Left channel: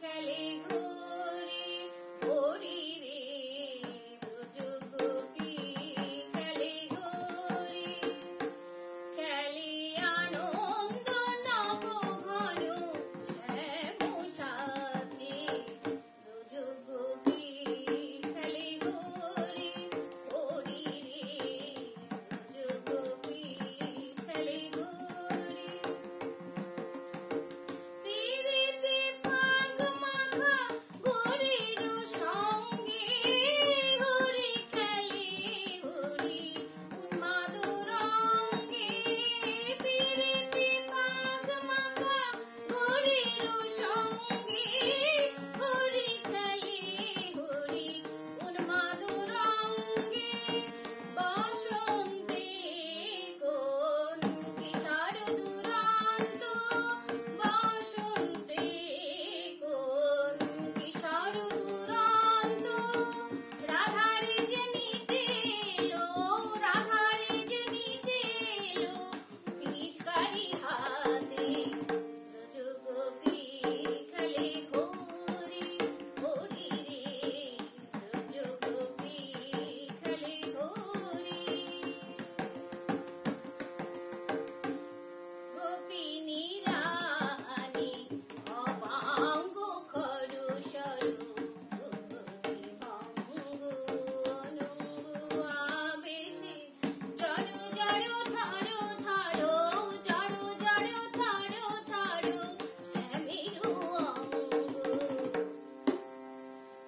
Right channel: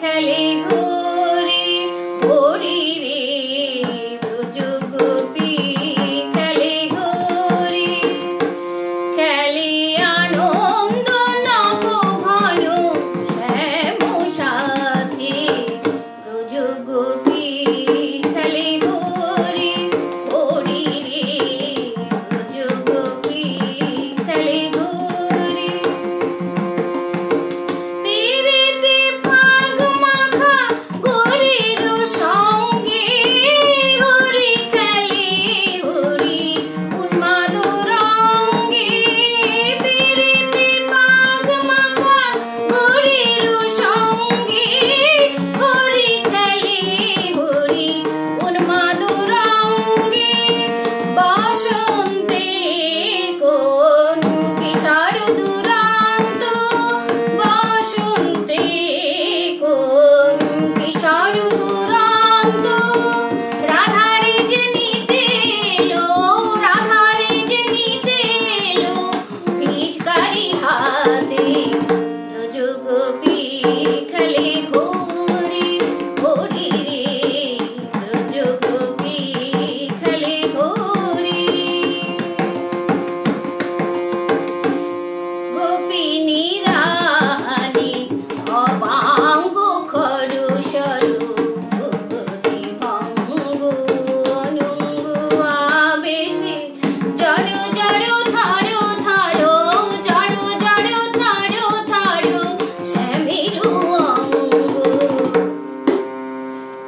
খেলে ঘুরি ঘুরি রে ব্রজ গোপী খেলে ঘুরি খেলে আনন্দ নব ঘন শ্যাম সাথী ব্রজ গোপী খেলে ঘুরি ঘুরি রে ব্রজ গোপী খেলে ঘুরি পিরিতি ফাগ মাখা গরির সঙ্গে হরি খেলে হরি উন্মাদ রঙ্গে পিরিতি ফাগ মাখা গরির সঙ্গে হরি খেলে হরি উন্মাদ রঙ্গে বসন্তে কোন কিশোর দুরান্ত বসন্তে কোন কিশোর দুরান্ত রাধারে যে নিতে এলো রাধারে যে নিতে এলো পিচকারি হাতে ব্রজ গোপী খেলে ঘুরি ঘুরি রে ব্রজ গোপী খেলে ঘুরি গোপিনী রানী অবাঙ্গ খরু সরু গোপতি ভঙ্গু অনুঙ্গু আবেশে জড় জড় থারো থারো জড় জড় থারো থারো শ্যামেরু অঙ্গু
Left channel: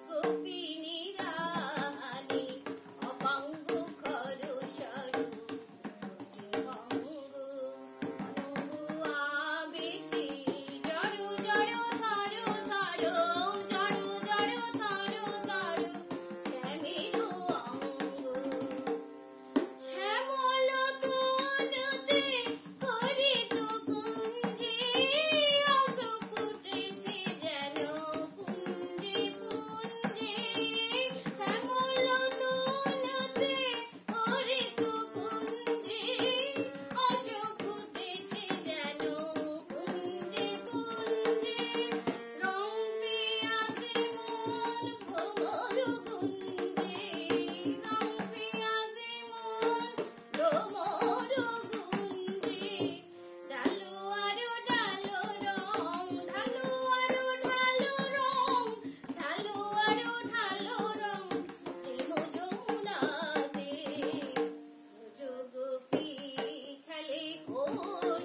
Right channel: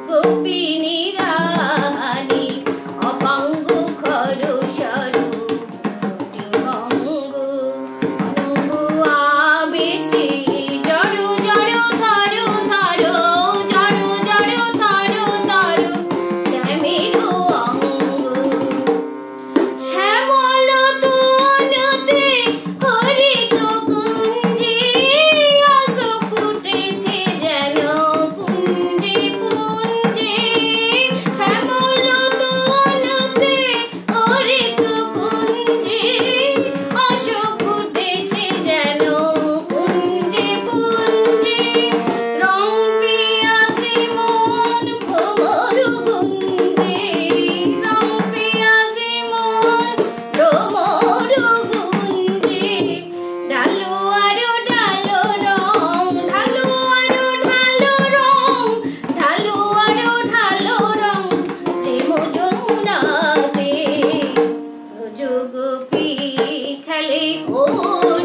গোপিনী রানী অপাঙ্গ খরু সরু গোপতি ভঙ্গু অনুঙ্গু আবেশে জড় জড় থারো থারো জড় জড় থারো থারো শ্যামেরু অঙ্গু শ্যামল তনুতে হরিত কুঞ্জে আস ফুটেছে যেন পুঞ্জে পুঞ্জে শ্যামল তনুতে হরিত কুঞ্জে আস ফুটেছে যেন পুঞ্জে পুঞ্জে রং পিয়াসে মন ভ্রমর গুঞ্জে রং পিয়াসে মন ভ্রমর গুঞ্জে ঢালো আরো ঢালো রং ঢালো আরো ঢালো রং ঢালো আরো ঢালো রং প্রেম যমুনাতে ব্রজ গোপী খেলে ঘোর